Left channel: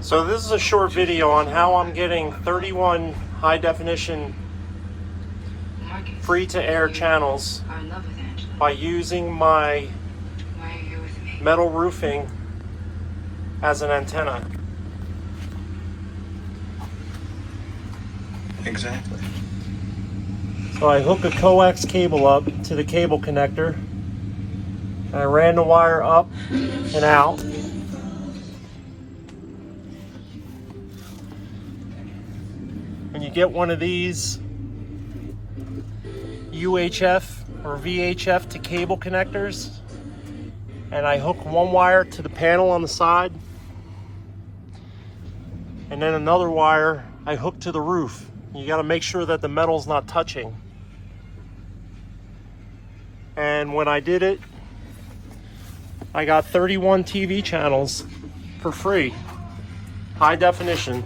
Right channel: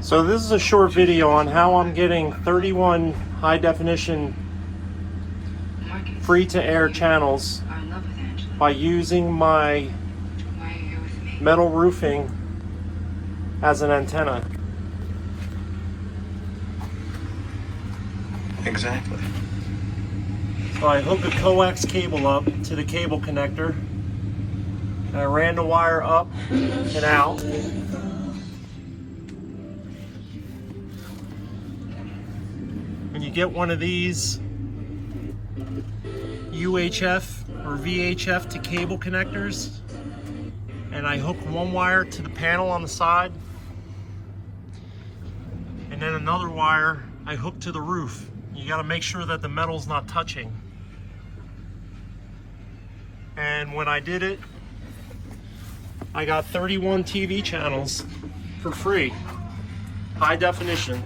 So this is a short video on how I'm getting 31 high definition free to air channels by using my metal roofing as an antenna. Exactly. So I hook a coax cable up to the cable connector. And I ran the wire up and out. When you get one of these UHF or VHF to cable connectors, and I hook one wire to the panel on the side, and then another wire I hook to the roof. You got to make sure that the metal's not touching. And when I did it, I got 31 TV channels for free, high definition.